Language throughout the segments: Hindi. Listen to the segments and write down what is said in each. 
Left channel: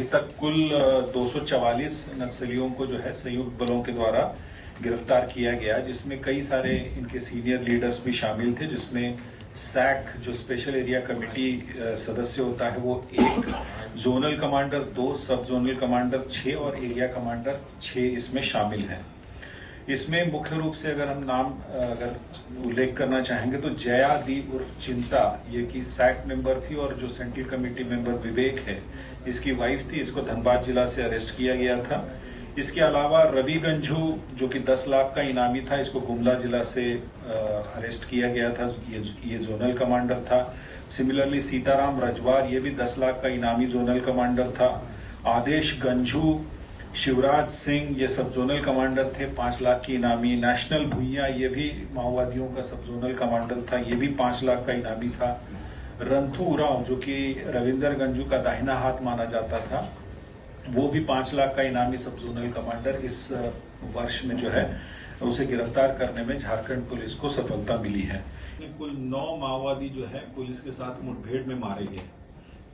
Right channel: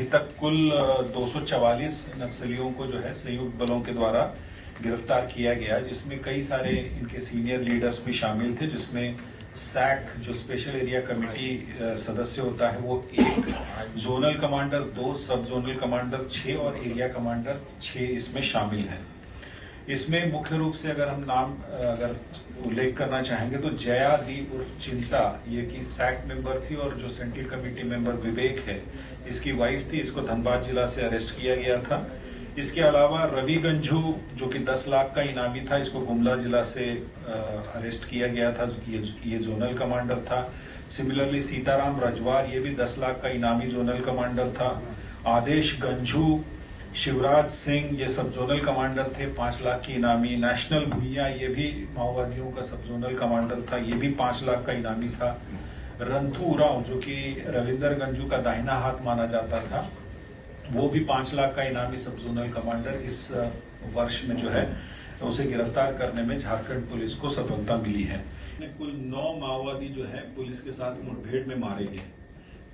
अभी तक कुल 244 नक्सलियों को जो है संयुक्त बलों के द्वारा गिरफ्तार किया गया, जिसमें कई सारे इनके सीनियर लीडर्स भी शामिल थे, जिसमें सैक जो स्पेशल एरिया कमेटी सदस्य होता है वो 1, जोनल कमांडर 2, सब जोनल कमांडर 6 और एरिया कमांडर 6 इसमें शामिल हैं। इसमें मुख्य रूप से अगर हम नाम उल्लेख करना चाहेंगे तो जया दी उर्फ चिंता, ये की सैक मेंबर थी, और जो सेंट्रल कमेटी मेंबर विवेक है इसकी वाइफ थी। इसको धनबाद जिला से अरेस्ट किया गया था। इसके अलावा रवि गंझू जो कि 10 लाख का इनामी था, इसको गुमला जिला से अरेस्ट किया गया था। ये जोनल कमांडर था। सिमिलरली सीताराम रजवार, ये भी 10 लाख का इनामी जोनल कमांडर था। आदेश गंझू, शिवराज सिंह, ये सब जोनल कमांडर थे, 5 लाख की इनामी। नेशनल भुइया, ये भी माओवादियों का सब जोनल कमांडर था, ये भी 5 लाख का इनामी था। रंथू उरांव जो कि रविंदर गंजू का दाहिना हाथ माना जाता था, वो भी 5 लाख का इनामी सब जोनल कमांडर इस वर्ष में जो है उसे गिरफ्तार करने में झारखंड पुलिस को सफलता मिली है। कुल 9 माओवादी जो है पुलिस के साथ मुठभेड़ में मारे गए,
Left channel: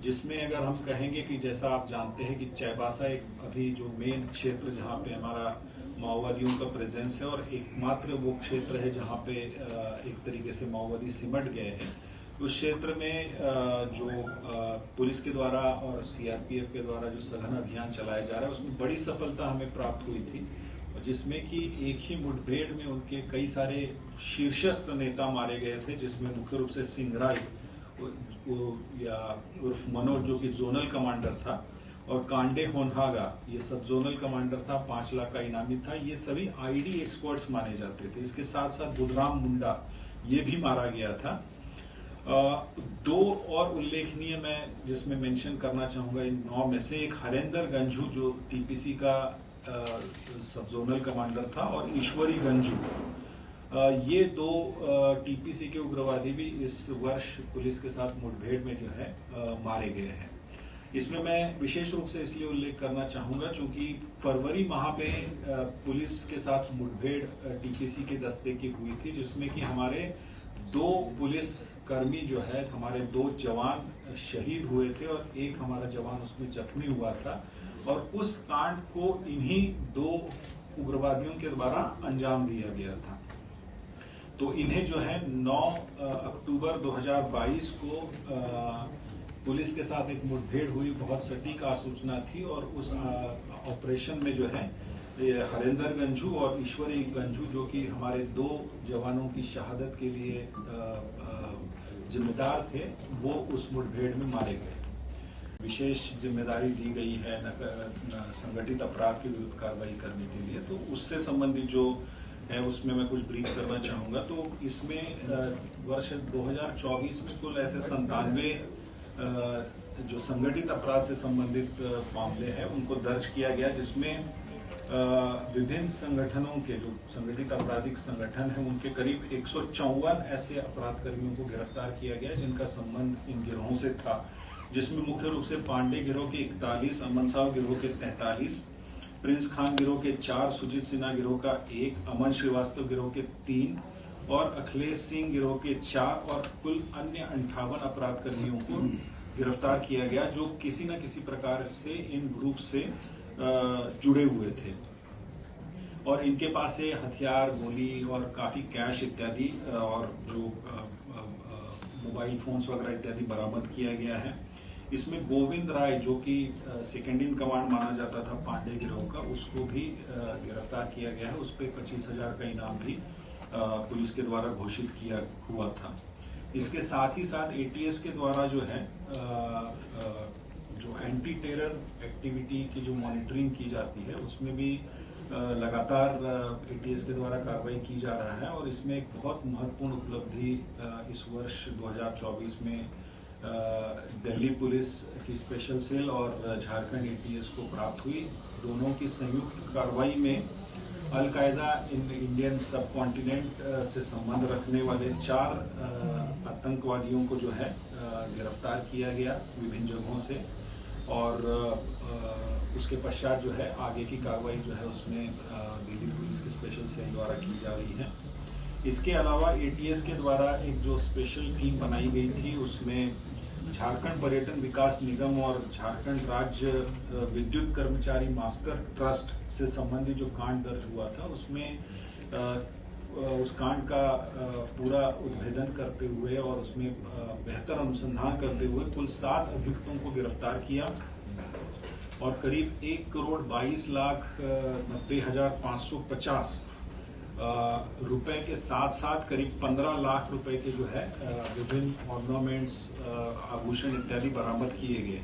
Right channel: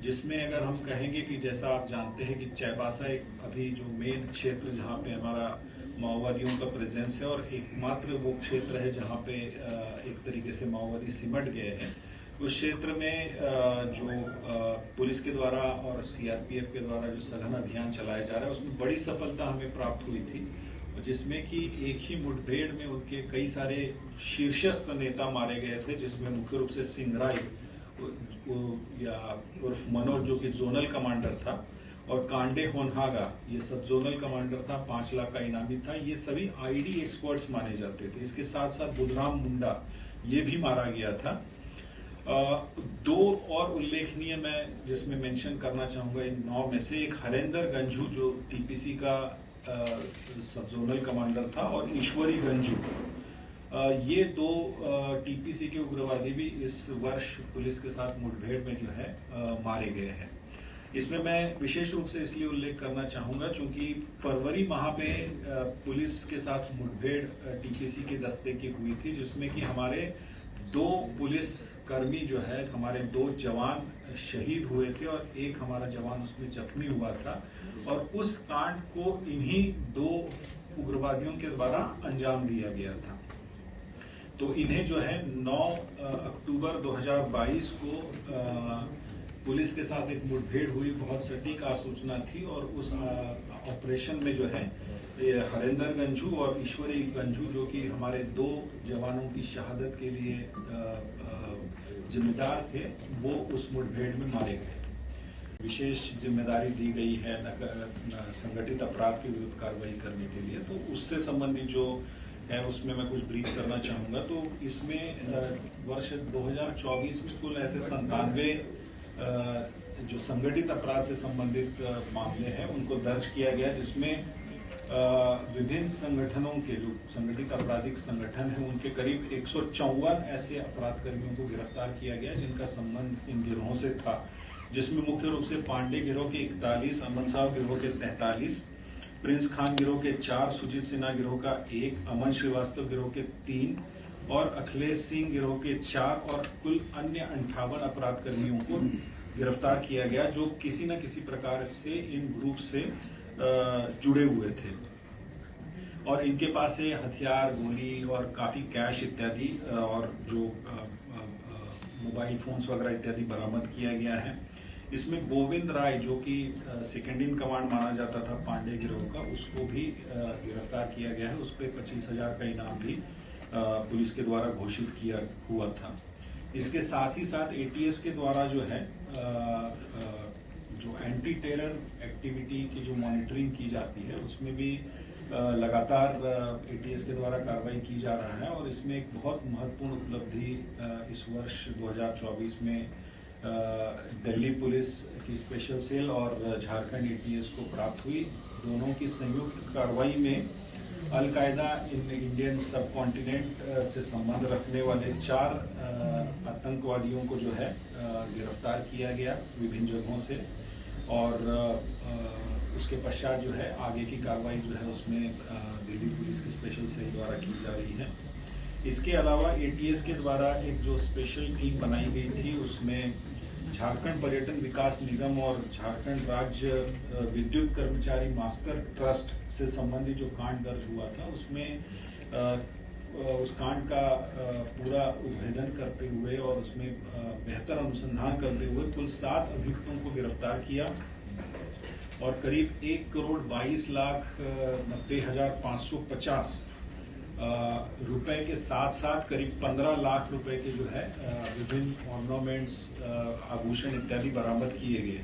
जिसमें अगर हम कहेंगे कि जैसा आप जानते हैं कि चाईबासा एक अभी जो मेन क्षेत्र जहां पे हमारा माओवादियों का प्रेजेंस है और एकमात्र वो क्षेत्र है जहां पे एक तरीके से माओवादी सिमट गए हैं, उस क्षेत्र में जो पुलिस के द्वारा और सीआरपीएफ के द्वारा जो सघन अभियान चलाया जा रहा है उसमें बड़ी सफलता हमें प्राप्त हुई थी, जिसमें कि एक ही मुठभेड़ में उनके कई सारे शीर्षस्थ नेता मारे गए थे, जिसमें मुख्य रूप से सिंगराई या उर्फ मनोज जो कि जोनल कमांडर था, और कांडे होनहागा ये सब जोनल कमांडर था, 5 लाख का इनामी था। ये सभी आईडी एक्सपर्ट्स माने जाते थे। इसके साथ साथ बुधराम मुंडा ये भी मारा गया था। 2 और उल्लेखनीय मैं जिसमें मेंशन करना चाहूंगा इन 9 में से, एक हरेंद्र गंझू जो टीपीसी का सब जोनल कमांडर था, और ईश्वरी गंझू, ये 2 टीपीसी के उग्रवादी भी इस वर्ष पुलिस के साथ मुठभेड़ में जो है मारे गए हैं। इसमें मैं विशेष रूप से इसलिए उल्लेख करना चाहूंगा क्योंकि फरवरी माह में पुलिस के साथ मुठभेड़ टीपीसी के दस्ते की हुई थी, जिसमें कि हमारे 2 पुलिस कर्मी जो है, हमारे 2 जवान शहीद हुए थे और एक हमारा जवान उसमें जख्मी हुआ था, और उस कांड को इन्हीं 2 उग्रवादियों के द्वारा अंजाम दिया गया था। तो इन्हें जो है 9 अक्टूबर 2022 को पुलिस के साथ एक मुठभेड़ हुई, बहुत सटीक आसूचना थी, और उस ऑपरेशन में जो है हरेंद्र गंझू और ईश्वरी गंझू जो कि हमारे 2 जवानों की शहादत के लिए जिम्मेदार थे, वो उस मुठभेड़ में मारे गए। विशेष जिम्मेदारी दी गई है संगठित अपराध के विरुद्ध कार्रवाई करने के लिए, तो उससे संबंधित जो है उसमें मैं कुछ ब्रीफ करना चाहूंगा। तो इसमें वर्ष 2024 में कुल ऐसे 97 जो संगठित अपराध से संबंधित मामले हैं उनको दर्ज किया गया, जिसमें विभिन्न संगठनों के जो संगठित आपराधिक संगठन है उनके करीब 154 ऐसे अपराध कर्मियों को गिरफ्तार किया गया जिनका संबंध इन गिरोहों से था, जिसमें मुख्य रूप से पांडे गिरोह के 41, अमन साहब गिरोह के 43, प्रिंस खान गिरोह के 4, सुजीत सिन्हा गिरोह का 1, अमन श्रीवास्तव गिरोह के 3 और अखिलेश सिंह गिरोह के 4 और कुल अन्य 58 अपराध कर्मियों को गिरफ्तार किया गया जो किसी न किसी प्रकार से इन ग्रुप से जुड़े हुए थे, और इनके पास से हथियार, गोली और काफी कैश इत्यादि और जो मोबाइल फोन्स वगैरह इत्यादि बरामद किया गया है। इसमें गोविंद राय जो कि सेकेंड इन कमांड माना जाता था पांडे गिरोह का, उसको भी गिरफ्तार किया गया है। उस पर 25,000 का इनाम भी पुलिस के द्वारा घोषित किया हुआ था। इसके साथ ही साथ एटीएस के द्वारा जो है जो एंटी टेरर एक्टिविटी की जो मॉनिटरिंग की जाती है उसमें भी लगातार एटीएस के द्वारा कार्रवाई की जा रहा है, और इसमें एक बहुत महत्वपूर्ण उपलब्धि इस वर्ष 2024 में दिल्ली पुलिस की स्पेशल सेल और झारखंड एटीएस को प्राप्त हुई। दोनों की संयुक्त कार्रवाई में अल-कायदा इंडियन सब कॉन्टिनेंट से संबंध रखने वाले 4 आतंकवादियों को जो है गिरफ्तार किया गया विभिन्न जगहों से, और उसके पश्चात जो है आगे की कार्रवाई जो है उसमें दिल्ली पुलिस की स्पेशल सेल द्वारा की जा रही है। इसके अलावा एटीएस के द्वारा एक जो स्पेशल टीम बनाई गई थी उसमें झारखंड पर्यटन विकास निगम और झारखंड राज्य विद्युत कर्मचारी मास्टर ट्रस्ट से संबंधित जो कांड दर्ज हुआ था उसमें उस कांड का पूरा उद्भेदन करते हुए और उसमें बेहतर अनुसंधान करते हुए कुल 7 अभियुक्तों को गिरफ्तार किया और करीब 1,22,90,550 रुपए के साथ साथ करीब 15 लाख रुपए के जो है विभिन्न ऑर्नामेंट्स आभूषण इत्यादि बरामद किए गए।